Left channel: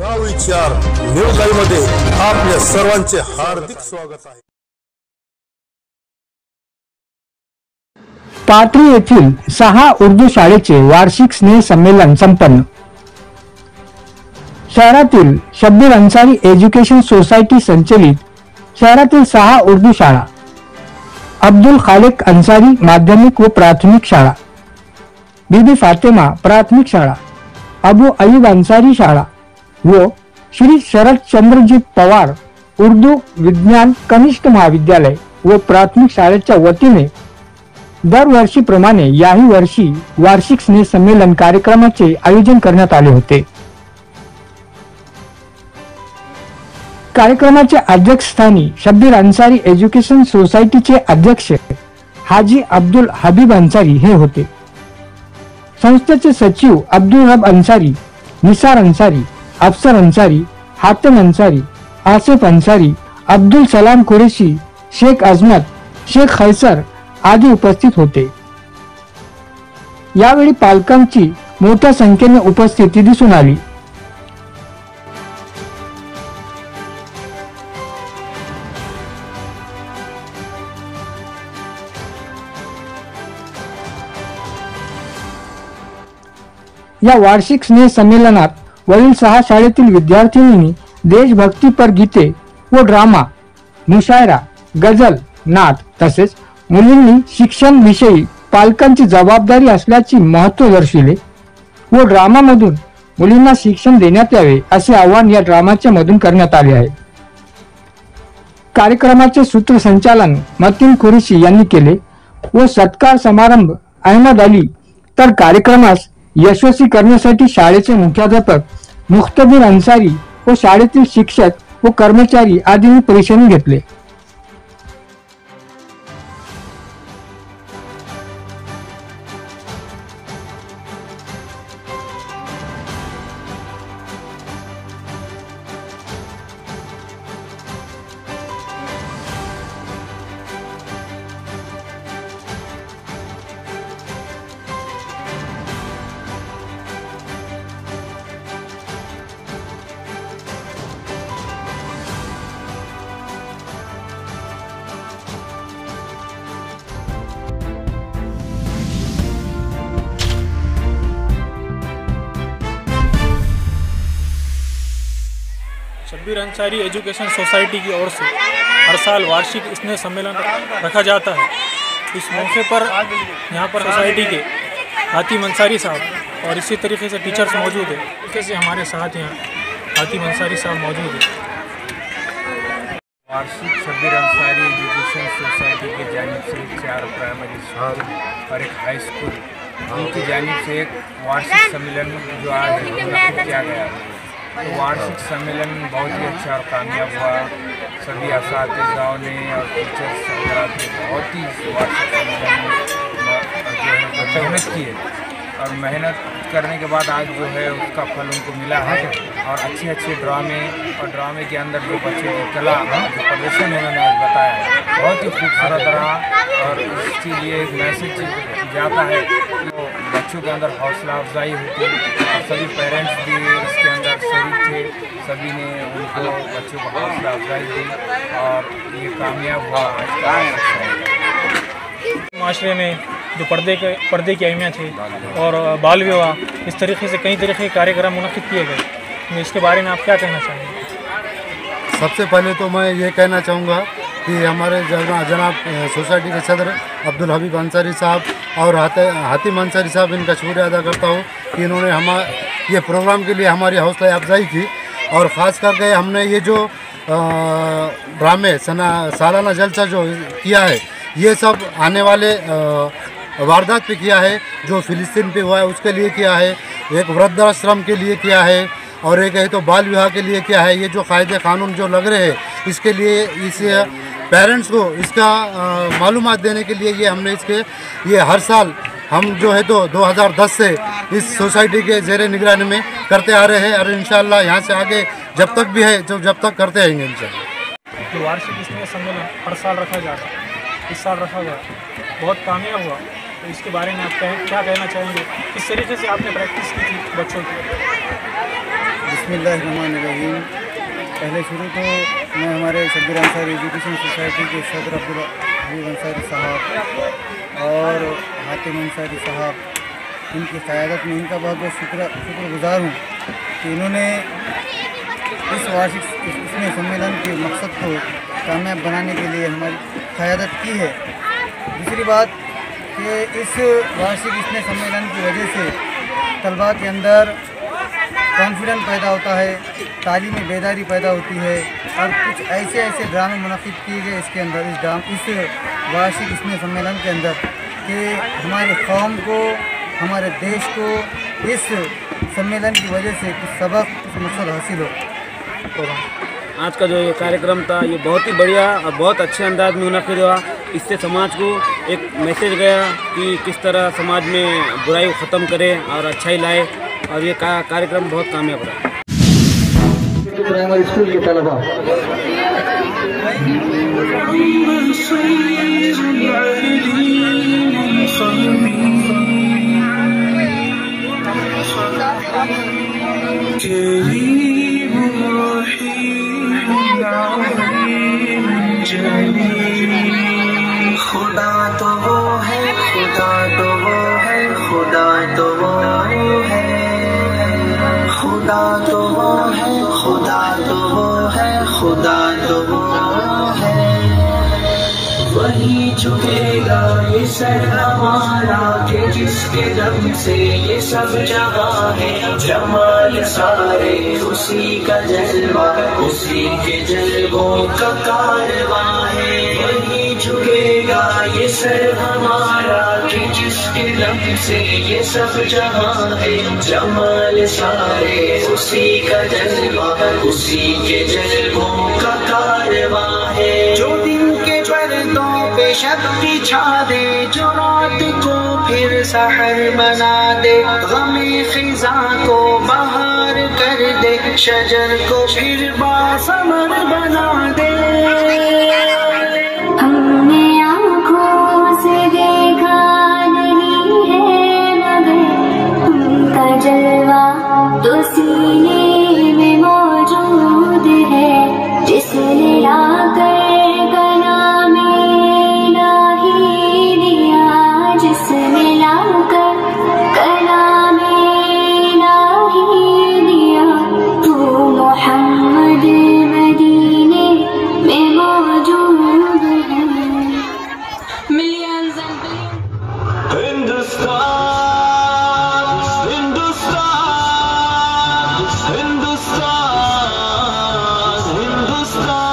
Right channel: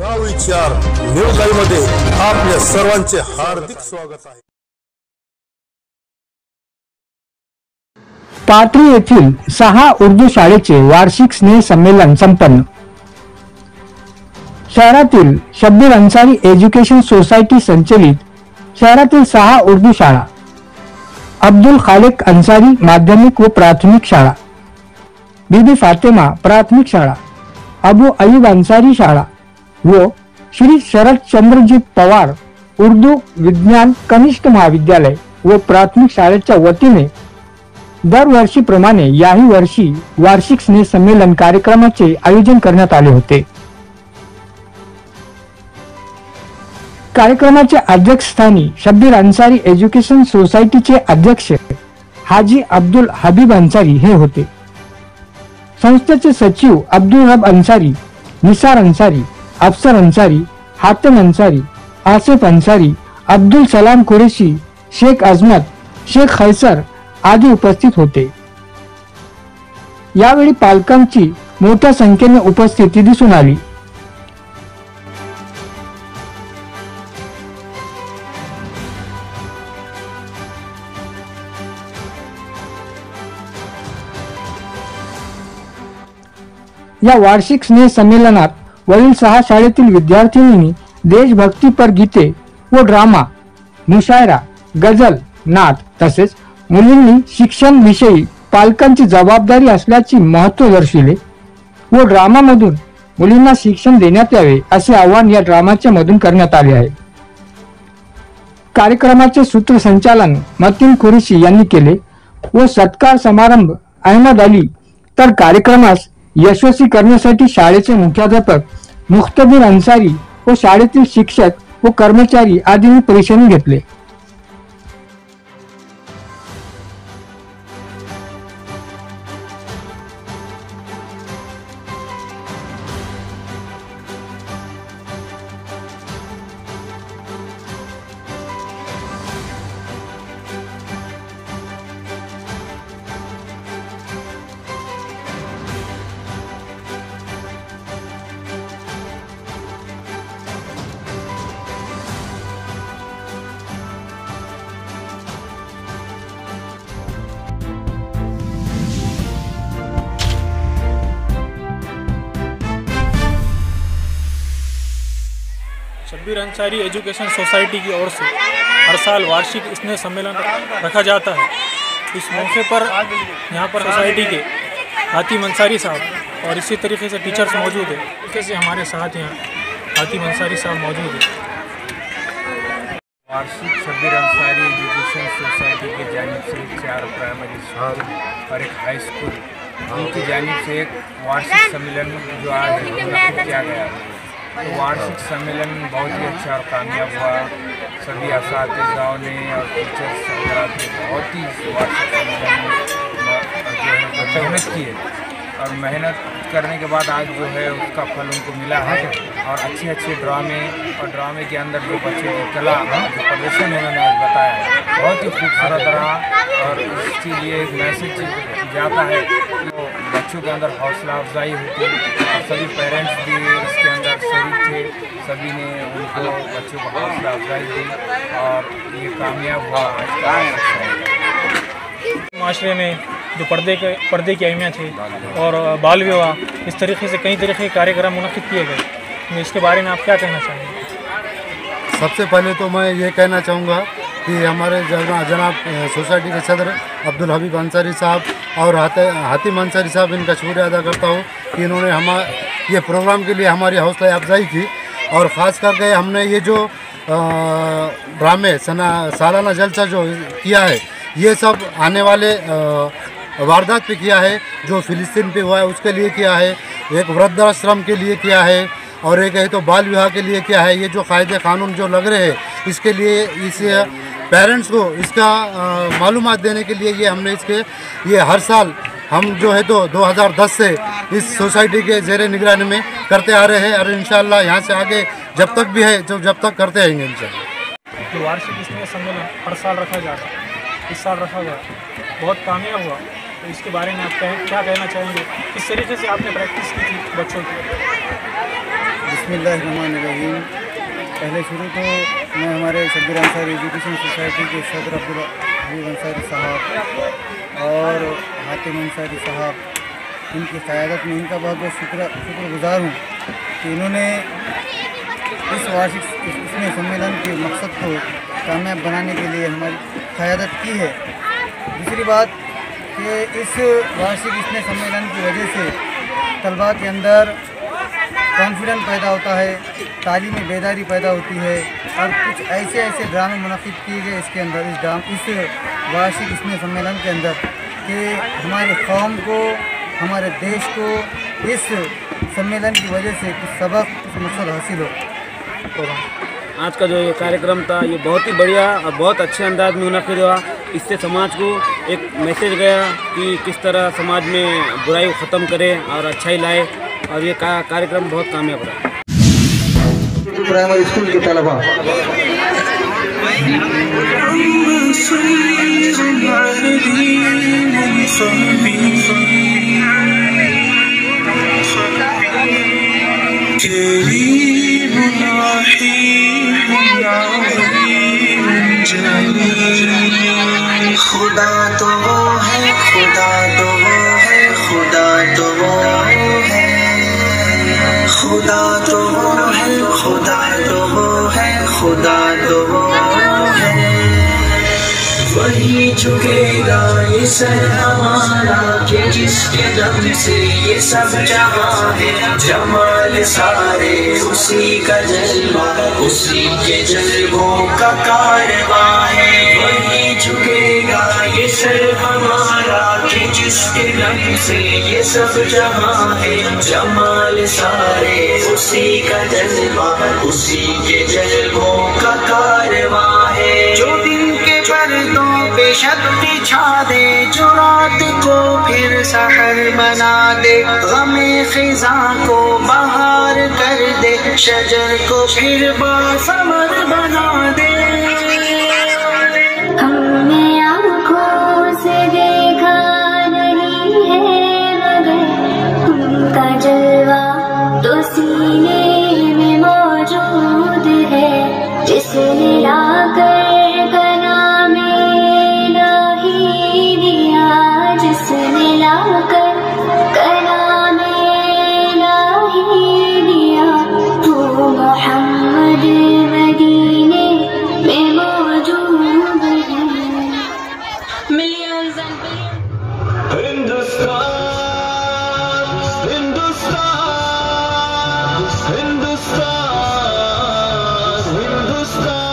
गाव विचार news live मध्ये आपल्या सर्वांचे हार्दिक स्वागत आहे। पाथरी येथील 6 उर्दू शाळेचे वार्षिक स्नेह संमेलन संपन्न। शहरातील शब्बीर अन्सारी एज्युकेशन सोसायटी संचलित शहरातील 6 उर्दू शाळा, अब्दुल खालिक अन्सारी माध्यमिक व प्राथमिक शाळा, बीबी फातिमा प्राथमिक शाळा, अबू अयूब अन्सारी शाळा व श्री शरद चंद्रजीत पवार उर्दू विज्ञान कनिष्ठ महाविद्यालय व प्राथमिक शाळेच्या वतीने दरवर्षीप्रमाणे याही वर्षी वार्षिक स्नेह संमेलन कार्यक्रमाचे आयोजन करण्यात आले होते। कार्यक्रमाच्या अध्यक्षस्थानी शब्बीर अन्सारी एज्युकेशन सोसायटीचे अध्यक्ष हाजी अब्दुल हबीब अन्सारी हे होते। संस्थेचे सचिव अब्दुल रब अन्सारी, निसार अन्सारी, अफसर अन्सारी, हातिम अन्सारी, आसिफ अन्सारी, अब्दुल सलाम कुरेशी, शेख अजमत, शेख खैसर आदी उपस्थित होते। यावेळी पालकांची मोठ्या संख्येने उपस्थिती दिसून आली। या वार्षिक स्नेह संमेलनात वरील 6 शाळेतील विद्यार्थिनींनी देशभक्तीपर गीते व ड्रामा, मुशायरा, गझल, नाट तसेच मुलींनी शिक्षण विषयी पालकांची जबाबदारी असल्याचे महत्त्व दर्शविले व ड्रामामधून मुलींना शिक्षण देण्यात यावे असे आवाहन या ड्रामाच्या मधून करण्यात आले आहे। कार्यक्रमाचे सूत्रसंचालन मतीन कुरेशी यांनी केले व सत्कार समारंभ अहमद अली, तर कार्यक्रमास यशस्वी करण्यासाठी शाळेचे मुख्याध्यापक मुख्तबीर अन्सारी व शाळेतील शिक्षक व कर्मचारी आदींनी परिश्रम घेतले। शब्बीर अन्सारी एजुकेशन सोसाइटी की ओर से हर साल वार्षिक स्नेह सम्मेलन रखा जाता है। इस मौके पर यहाँ पर सोसाइटी के हातिम अन्सारी साहब और इसी तरीके से टीचर्स मौजूद है। कैसे हमारे साथ यहाँ हातिम अन्सारी साहब मौजूद है। वार्षिक शब्बीर अन्सारी एजुकेशन सोसाइटी की जानिब से 4 प्राइमरी स्कूल और एक हाई स्कूल उनकी जानिब से एक वार्षिक सम्मेलन जो आज मुनक़िद किया गया है। तो वार्षिक सम्मेलन बहुत ही अच्छा और कामयाब हुआ। सभी असातिज़ाओं ने और टीचर्स वगैरह ने बहुत ही वार्षिक सम्मेलन में जो है मेहनत की है और मेहनत करने के बाद आज जो है उसका फल उनको मिला है। और अच्छे ड्रामे और ड्रामे के अंदर जो बच्चे की कला जो प्रदर्शन उन्होंने आज बताया बहुत ही खूबसूरत रहा। और इसके लिए एक मैसेज जाता है तो बच्चों के अंदर हौसला अफजाई होती है और सभी पेरेंट्स भी इसके अंदर शरीक थे। सभी ने उनको बच्चों को हौसला अफजाई दी और ये कामयाब हुआ आज का माशरे में जो पर्दे की अहमियत है और बाल विवाह, इस तरीके से कई तरह के कार्यक्रम मुनक़िद किए गए। इसके बारे में आप क्या कहना चाहेंगे? सबसे पहले तो मैं ये कहना चाहूँगा कि हमारे जनाब सोसाइटी के सदर अब्दुल हबीब अन्सारी साहब और हातिम अन्सारी साहब, इनका शुक्रिया अदा करता हूँ कि इन्होंने ये प्रोग्राम के लिए हमारी हौसला अफजाई की। और ख़ास करके हमने ये जो ड्रामे सालाना जलसा जो किया है ये सब आने वाले वारदात पे किया है, जो फ़िलिस्तीन पे हुआ है उसके लिए किया है, एक वृद्धाश्रम के लिए किया है और एक है तो बाल विवाह के लिए किया है। ये जो कायदे कानून जो लग रहे हैं इसके लिए इस पेरेंट्स को इसका मालूमात देने के लिए ये हर साल हम जो है तो 2010 से इस सोसाइटी के ज़ेरे निगरानी में करते आ रहे हैं और इंशाअल्लाह यहाँ से आगे जब तक भी है जब तक करते रहेंगे इंशाअल्लाह। जो वार्षिक स्नेह सम्मेलन हर साल रखा जाता है, इस साल रखा गया, बहुत कामयाब हुआ। तो इसके बारे में आप क्या कहना चाहेंगे? किस तरीके से आपने प्रैक्टिस की थी बच्चों की? बिस्मिल्लाहिर्रहमानिर्रहीम। पहले शुरू तो मैं हमारे शब्बीर अंसारी एजुकेशन सोसाइटी के सदर अब्दुल हबीब अंसारी साहब और हातिम अंसारी साहब, इनकी क़यादत में इनका बहुत बहुत शुक्रगुज़ार हूँ कि इन्होंने इस वार्षिक इसमें सम्मेलन के मकसद को कामयाब बनाने के लिए हमारी क़यादत की है। दूसरी बात कि इस वार्षिक इसमें सम्मेलन की वजह से तलबा के अंदर कॉन्फिडेंस पैदा होता है, तालीम में बेदारी पैदा होती है और कुछ ऐसे ड्रामे मुनक़िद किए गए इसके अंदर इस वार्षिक इसमें सम्मेलन के अंदर कि हमारे कौम को, हमारे देश को इस सम्मेलन की वजह से कुछ सबक, कुछ मकसद हासिल हो। आज का जो ये कार्यक्रम था ये बहुत ही बढ़िया और बहुत अच्छे अंदाज में मुनक़िद हुआ। इससे समाज को एक मैसेज गया कि किस तरह समाज में बुराई को ख़त्म करें और अच्छाई लाए, और ये कार्यक्रम बहुत कामयाब रहा। प्राइमरी स्कूल के तलबा खुदा तो वो है, खुदा तो वो है, खुदा तो वो है, खुदा तो वो है, खुदा तो वो है, खुदा तो वो है। वही झुकेगा ये सर हमारा कि जिसके दम से ये सब जहां है। जमाल सारे उसी का जलवा, उसी के जलवों का कारवा है। वही झुकेगा ये सर हमारा कि जिसके दम से ये सब जहां है। जमाल सारे उसी का जलवा, उसी के जलवों का कारवा है। जो दिन के पर्दों पे शक्ति छा दे, जो रात को फिर सहर बना दे, गमे खिज़ा को बहार कर दे, शजर को फिर बासमर बना दे। हमने आँखों से देखा नहीं है मगर उनका जलवा तो सीने में मौजूद है। जिसने लाकर जिसने लाकर कलामे इलाही दिया, वो मोहम्मद मदीने में मौजूद है। Millions and Hindustan, Hindustan, Hindustan, Hindustan.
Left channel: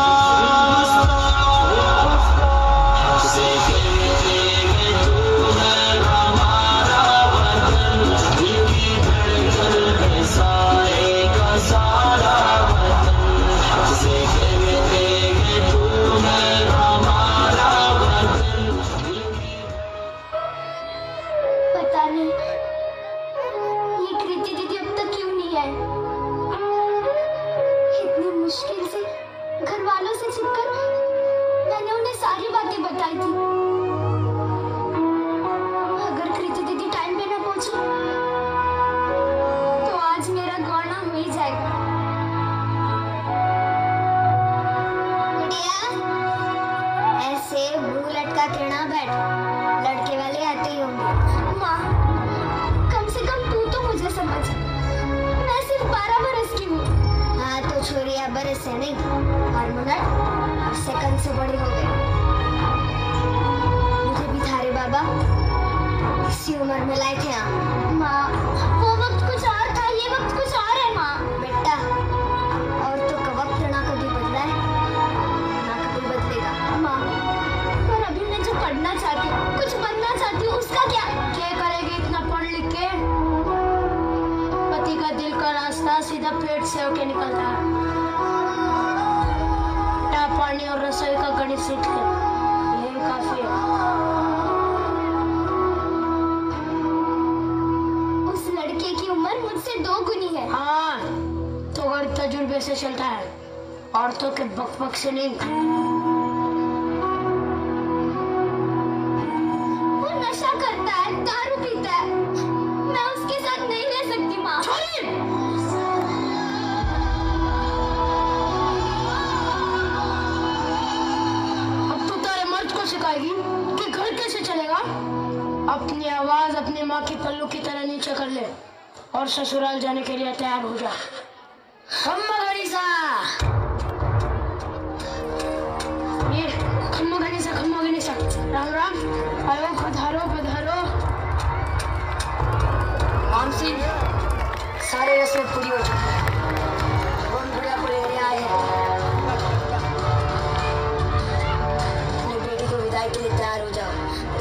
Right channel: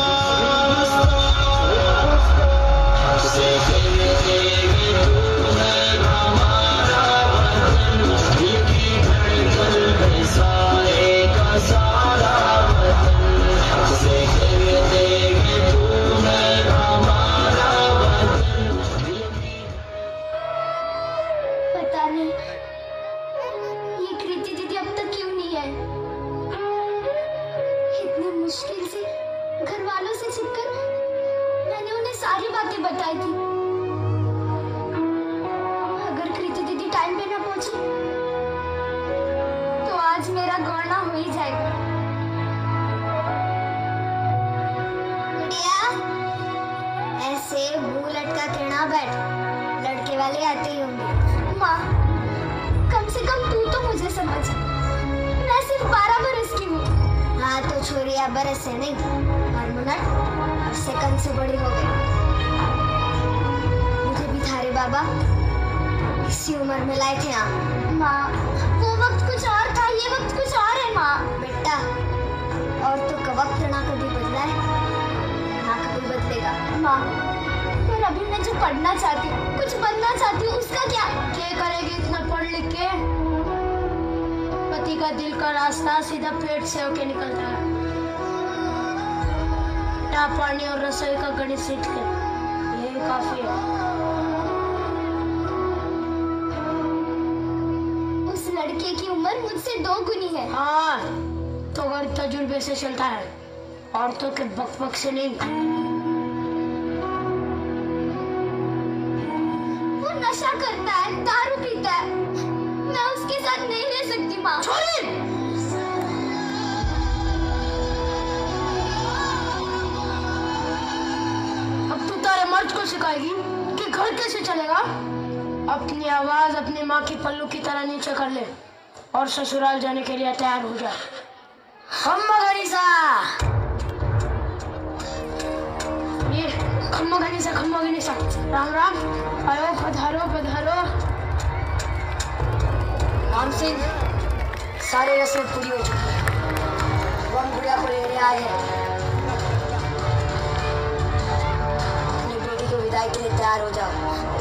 पता नहीं ये कृति दीदी अब तक क्यों नहीं है। इतनी मुश्किल से घर वालों से छिपकर मैंने उन्हें सारी बातें बताई थी। अगर कृति दीदी टाइम पे ना पहुंची तो आज मेरा गौना हो ही जाएगा। गुड़िया, ऐसे मुंह लटका के ना बैठ, लड़के वाले आते ही होंगे। माँ, कम से कम तू तो मुझे समझ, मैं सिर्फ 12 बरस की हूँ। हाँ तो छोरिया बरस से नहीं और मिनट सेकंड से बड़ी हो गई। मुझे भी थारे बाबा इसी उम्र में लाए थे। माँ, वो वक्त कुछ और था, ये वक्त कुछ और है। माँ बेटा, औरतों का वक्त ना कभी बदला है ना कभी बदलेगा। माँ, पर अभी मैं जो पढ़ना चाहती हूँ, कुछ बनना चाहती हूँ, उसका क्या करेगी इतना पढ़ लिख के? पति का दिल का रास्ता सीधा पेट से होके निकलता है। पानी और रसोई का गणित सीख ले, यही काफी है। उस लड़के की उम्र मुझसे 2 गुनी है। हाँ, तो गैर तजुर्बे से चलता है, औरतों के बकबक से नहीं। वो नशा करता है, दारू पीता है, मैं उसके साथ नहीं रह सकती। माँ, सिखाएगी कि घर कैसे चलेगा। अपनी आवाज अपने माँ की पल्लू की तरह नीचे कर ले और ससुराल जाने के लिए तैयार हो जा। खम्मा गणेशा, ये खम्मा गणेशा, राम राम, आयो पधारो पधारो। राम सिंह, सारे रस्में पूरी हो चुकी है, हम गुड़िया को लेने आए हैं। अपनी बेटी को विदाई के लिए तैयार हो जाओ।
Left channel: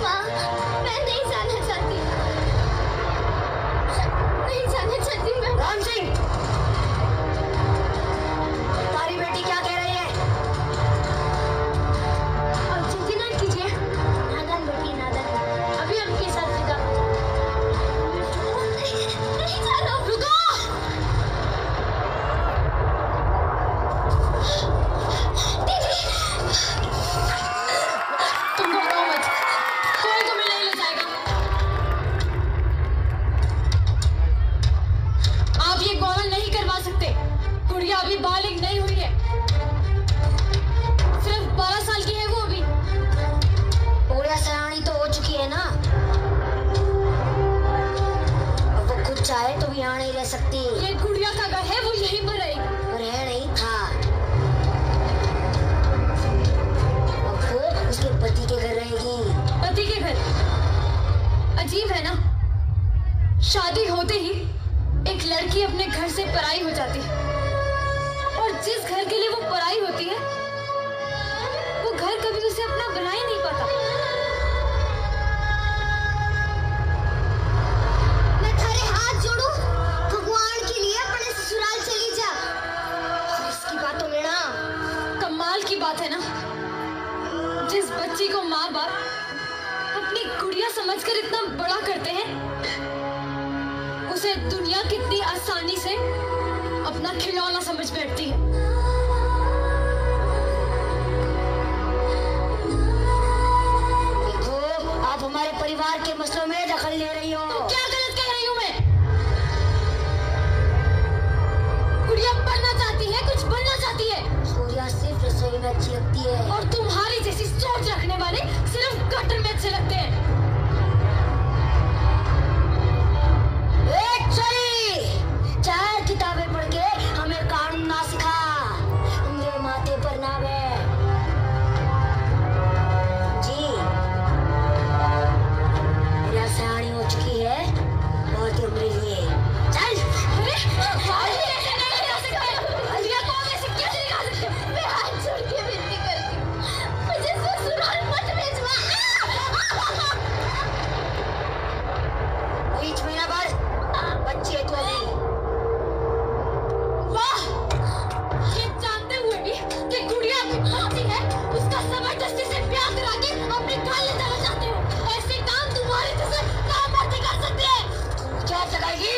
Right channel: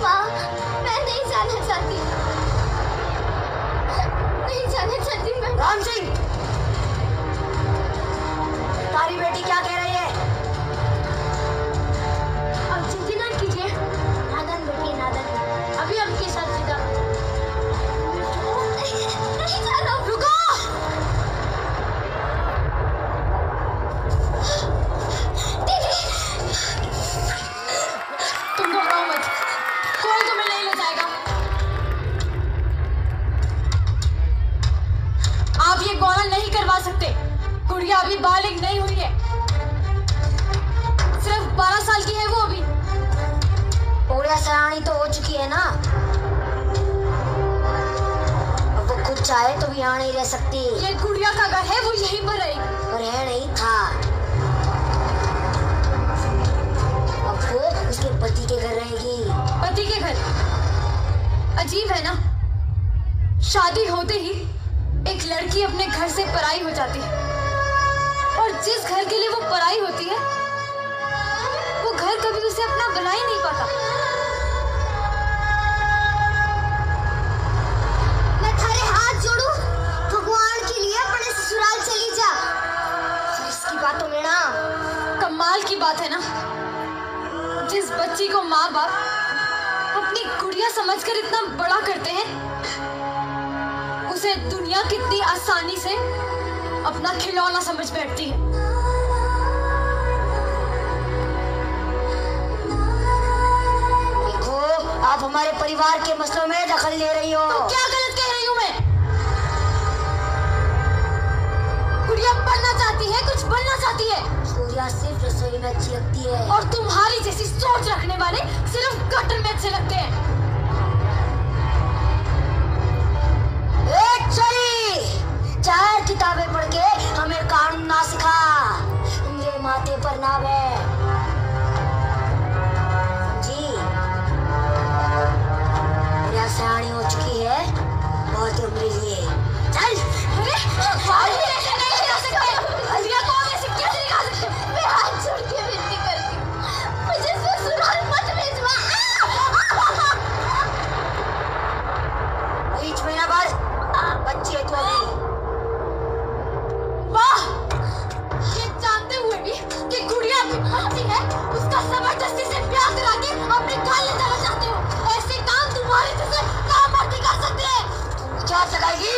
माँ, मैं नहीं जाना चाहती मैं। राम सिंह, तारी बेटी क्या कह रही है? अब चिंता न कीजिए, नादान बेटी नादान, अभी आपके साथ विदा। नहीं जाना, रुको। दीदी, तुम घबराओ मत, कोई तुम्हें नहीं ले जाएगा। आप ये गौना नहीं करवा सकते, गुड़िया अभी बालिग नहीं हुई है, सिर्फ 12 साल की है वो अभी। गुड़िया सयानी तो हो चुकी है ना, अब वो खुद चाहे तो भी यहाँ नहीं रह सकती। ये गुड़िया का घर है, वो यहीं पर रहेगी। पर है नहीं था, अब वो उसके पति के घर रहेगी। पति के घर? अजीब है ना, शादी होते ही एक लड़की अपने घर से पराई हो जाती है, और जिस घर के लिए वो पराई होती है वो घर कभी उसे अपना बना ही नहीं पाता। मैं थारे हाथ जोड़ू, भगवान के लिए अपने ससुराल चली जा। इसकी बात तो मेरा कमाल की बात है ना, जिस बच्ची को माँ बाप अपनी गुड़िया समझकर इतना बड़ा करते हैं, उसे दुनिया कितनी आसानी से अपना खिलौना समझ बैठती है। देखो, आप हमारे परिवार के मसलों में दखल ले रही हो। तो क्या गलत कह रही हूँ मैं? गुड़िया पढ़ना चाहती है, कुछ बनना चाहती है। गुड़िया सिर्फ रसोई में अच्छी लगती है, और तुम्हारी जैसी सोच रखने वाले सिर्फ गटर में अच्छे लगते हैं। चार किताबें पढ़ के हमें कानून ना सिखा, मेरे माथे पर ना वे जी। मेरा सयानी हो चुकी है, बहुत उम्र लिए। चल। अरे ऐसे नहीं कर सकते, गुड़िया को ऐसे कैसे निकाल सकते? मैं हाथ जोड़ के विनती करती हूँ, मुझे ससुराल मत भेजवा। बीच में ना बस, बच्ची है तू अभी। वाह, ये जानते हुए भी कि गुड़िया अपनी भांजी है, उसका जबरदस्ती से ब्याह करा के अपने घर ले जाना चाहते हो। ऐसे काम तुम्हारे जैसे काम मर्द कर सकते हैं। क्या सगाएगी?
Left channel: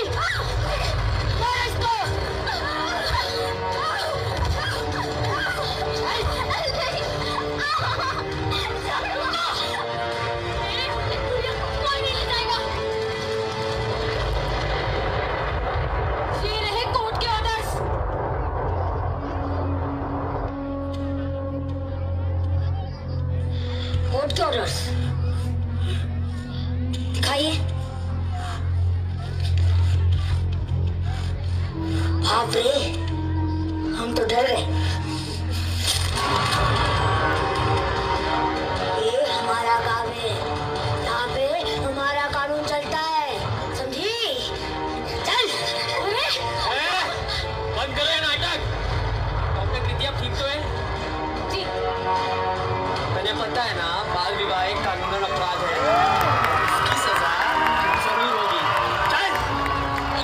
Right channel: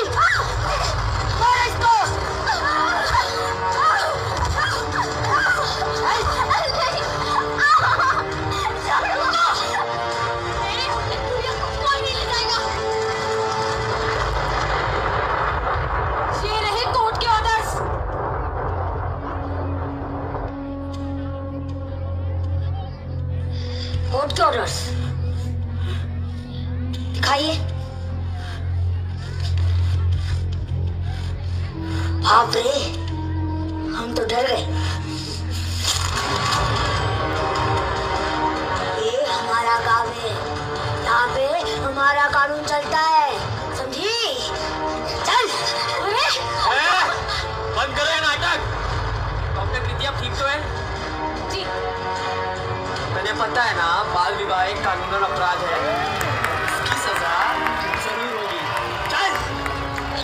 ये रहे कोर्ट के ऑर्डर्स। कोर्ट के ऑर्डर्स दिखाइए। बाप रे, हम तो डर गए। ये हमारा गांव है, यहाँ पे हमारा कानून चलता है, समझी? चल। बंद करो ये नाटक। डॉक्टर कृति, आप ठीक तो है? जी। मुझे पता है ना, बाल विवाह एक कानूनन अपराध है, इसकी सजा जरूर होगी। चल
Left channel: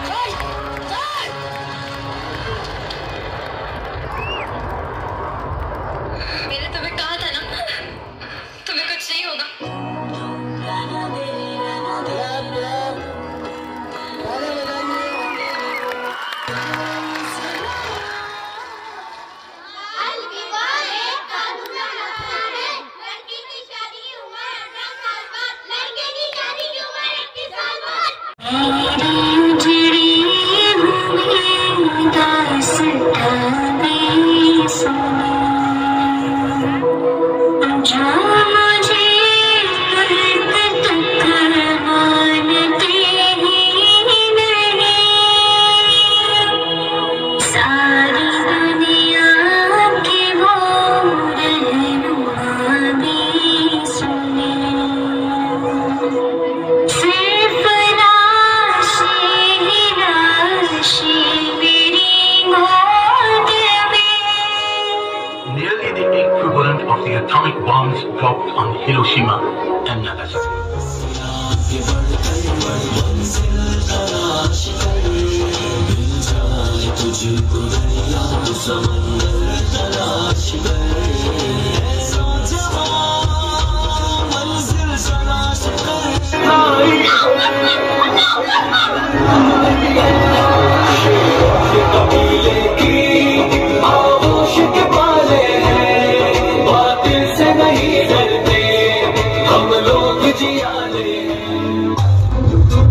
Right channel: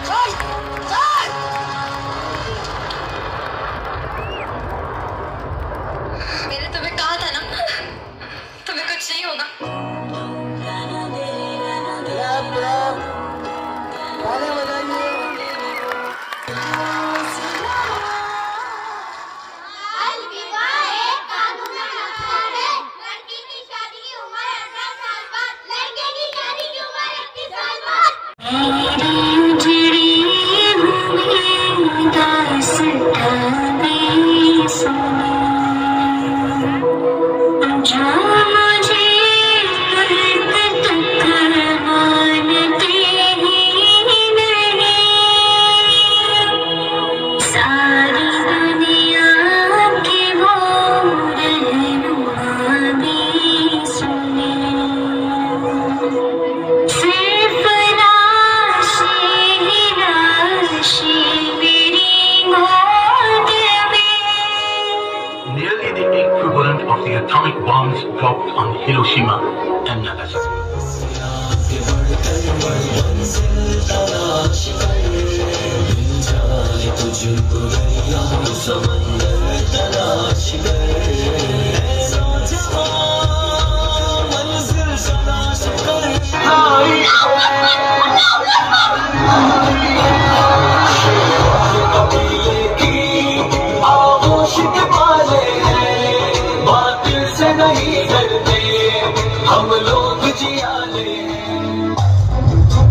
चल चल। मैंने तुम्हें कहा था ना, तुम्हें कुछ नहीं होगा। जो मुझे हिरोशिमा एंड नागासाकी।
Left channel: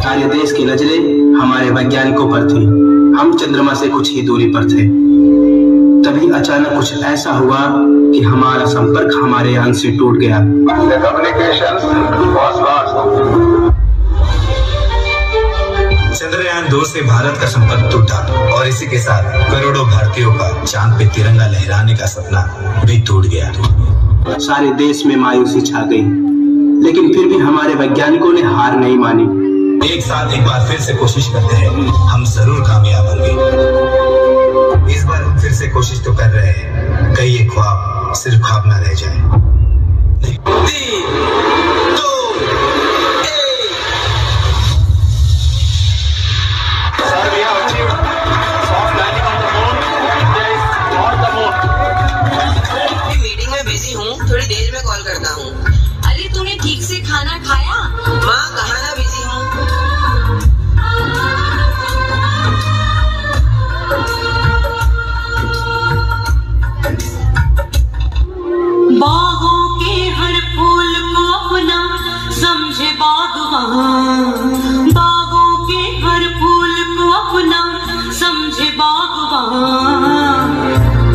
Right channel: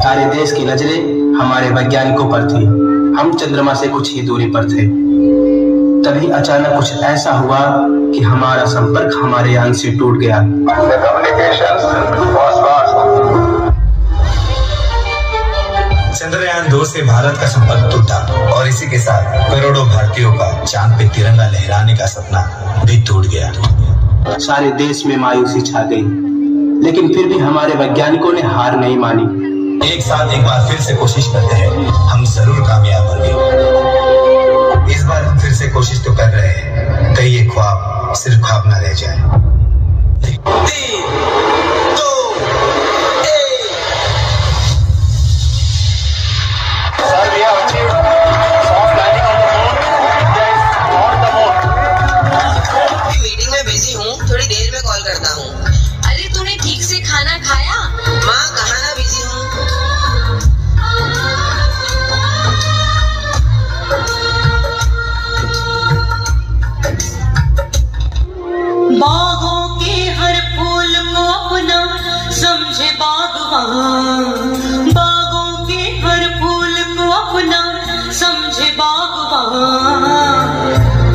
सारे देश की नजरें हमारे वैज्ञानिकों पर थी। हम चंद्रमा से कुछ ही दूरी पर थे। तभी अचानक कुछ ऐसा हुआ कि हमारा संपर्क हमारे यान से टूट गया। चंद्रयान 2 से भारत का संपर्क टूटा और इसी के साथ करोड़ों भारतीयों का चांद पे तिरंगा लहराने का सपना भी टूट गया। सारे देश में मायूसी छा गई, लेकिन फिर भी हमारे वैज्ञानिकों ने हार नहीं मानी। एक साथ एक बार फिर से कोशिश करते हैं, हम जरूर कामयाब होंगे। इस बार हम फिर से कोशिश तो कर रहे हैं, कहीं ये ख्वाब सिर्फ ख्वाब ना रह जाए। 3, 2, 1 मीटिंग में बिजी हूँ, थोड़ी देर में कॉल करता हूँ। अरे तूने ठीक से खाना खाया? माँ कहाँ ना बिजी हूँ। बागों के हर फूल को अपना समझे बागवान, बागों के हर फूल को अपना समझे बागवान,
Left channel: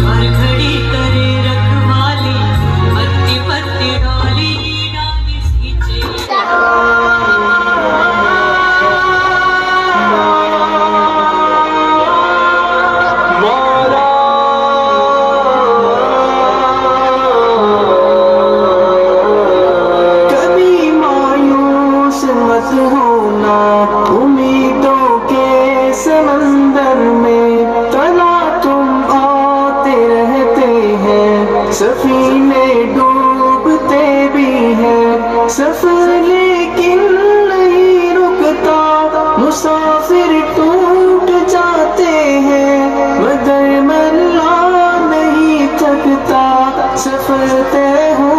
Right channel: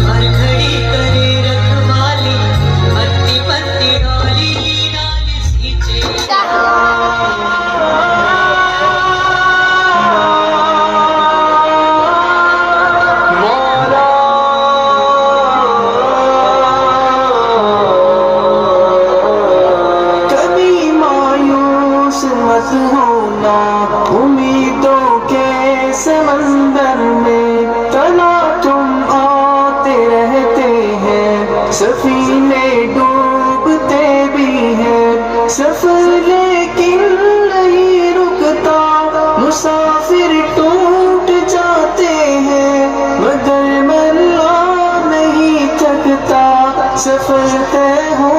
हर घड़ी करे रखवाली, पत्ती पत्ती डाली डाली सींचे। कभी मायूस मत होना, उम्मीदों के समंदर में तना तुम आते रहते हैं, सफीने डूबते भी हैं, सफर लेकिन नहीं रुकता, मुसाफिर टूट जाते हैं, मगर मल्ला नहीं थकता, सफर तय हो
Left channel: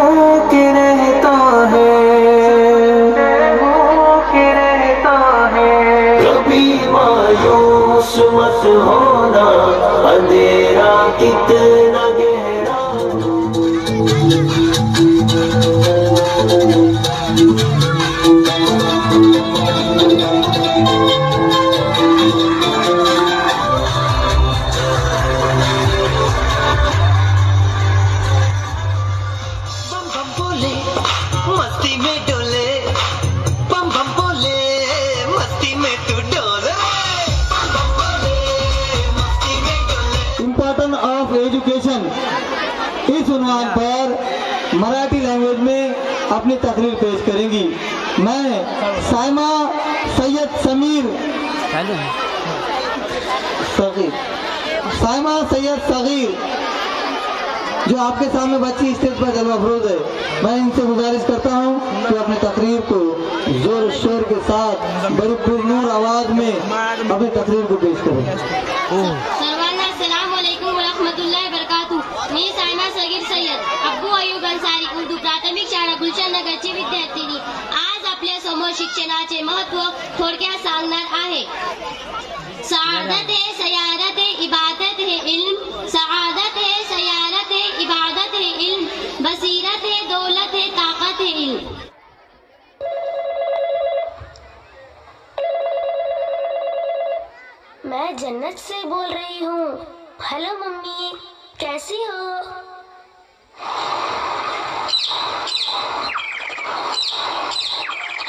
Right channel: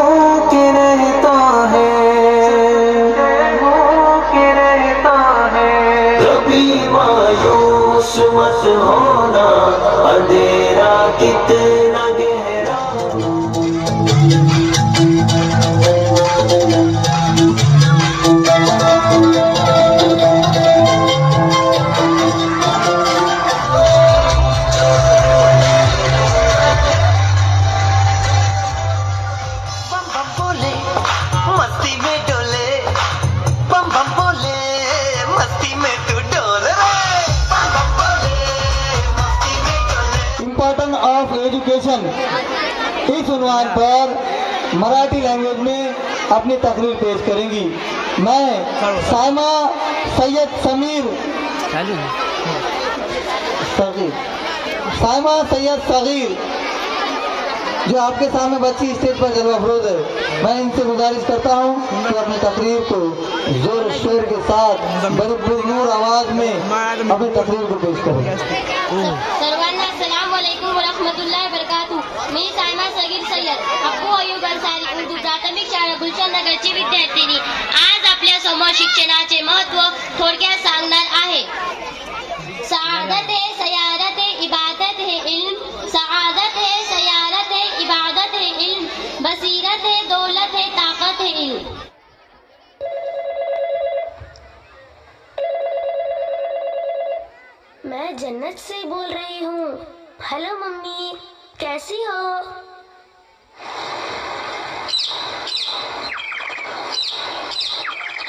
के रहता है। कभी मायूस मत होना, अंधेरा कितना गहरा। बम बम बोले मस्ती में डोले, बम बम बोले मस्ती में तू डोले रे, बम बम बोले मस्ती में डोले। इम्पोर्टेंस ऑफ एजुकेशन, इस उन्वान पर मराठी लैंग्वेज में अपनी तकरीर पेश करेंगी। मैं साइमा सैयद साइमा सैयद सगीर, जो आपके सामने बच्ची स्टेज पर जलवा अफरोज है, मैं इनसे गुजारिश करता हूँ कि अपनी तकरीर को जोर शोर के साथ बड़ी पुरनूर आवाज में अपनी तकरीर को पेश करें। सर्वांना अस्सलाम वालेकुम व रहमतुल्लाहि व बरकातुहू। मी सायमा सगीर सय्यद अब्बू अय्यूब अन्सारी, उर्दू प्राथमिक शाळा गुलशन नगरची विद्यार्थिनी, आज आपल्या समोर शिक्षणाचे महत्त्व थोडक्यात सांगणार आहे। सआदत है सयारत है इबादत है इल्म, सआदत है सयारत है इबादत है इल्म, बसीरत है दौलत है ताकत है इल्म। मैं जन्नत से बोल रही हूँ। हेलो मम्मी, कैसी हो?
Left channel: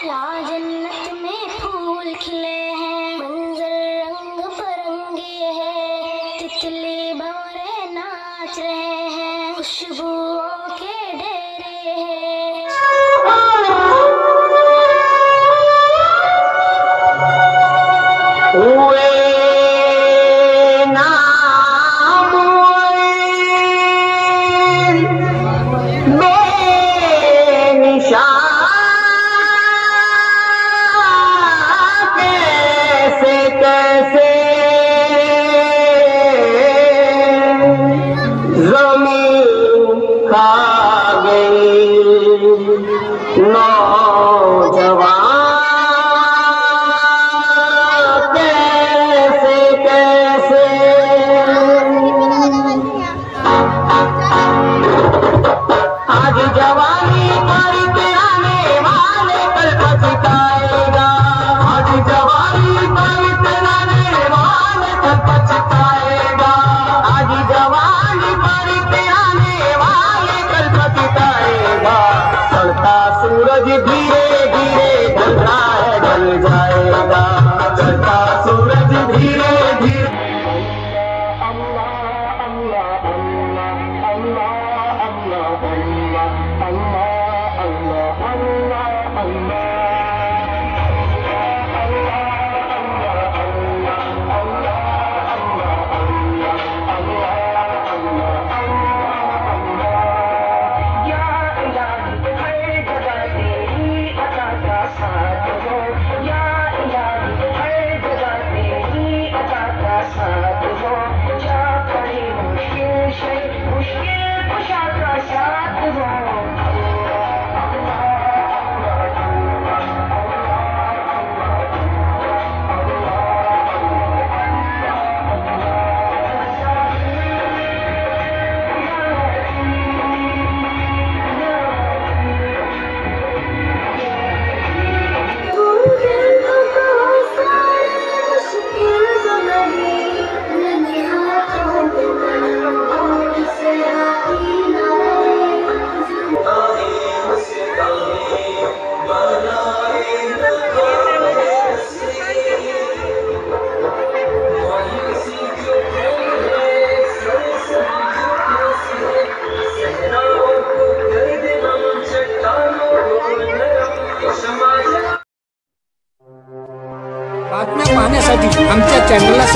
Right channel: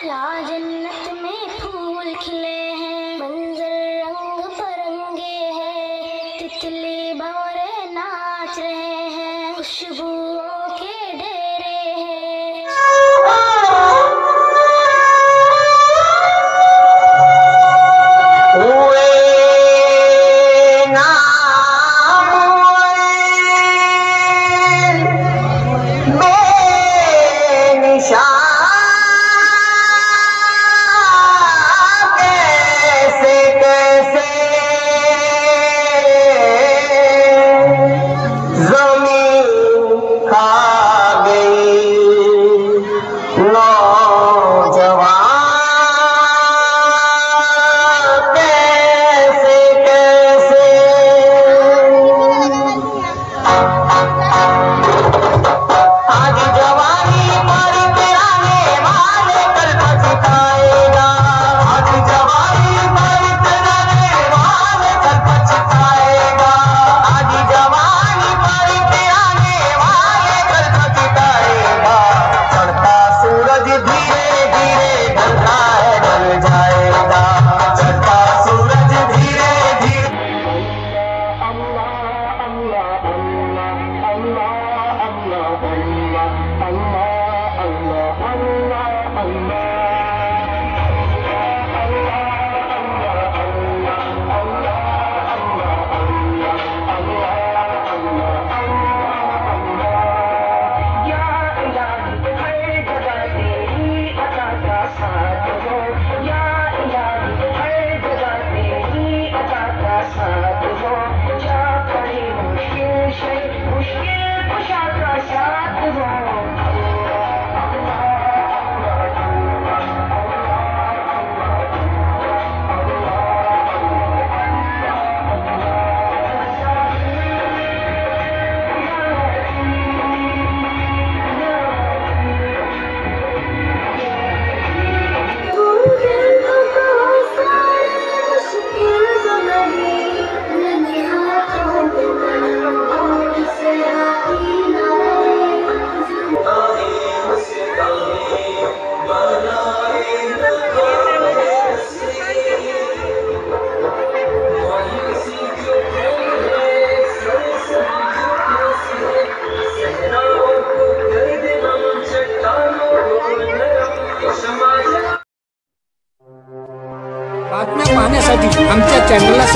यहाँ जन्नत में फूल खिले हैं, मंजर रंग बिरंगे हैं, तितली भंवरे नाच रहे हैं, खुशबुओं के डेरे हैं।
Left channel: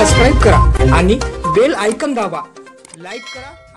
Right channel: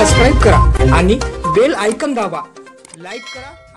सबस्क्राईब करा आणि बेल आयकॉन दाबा. लाईक करा.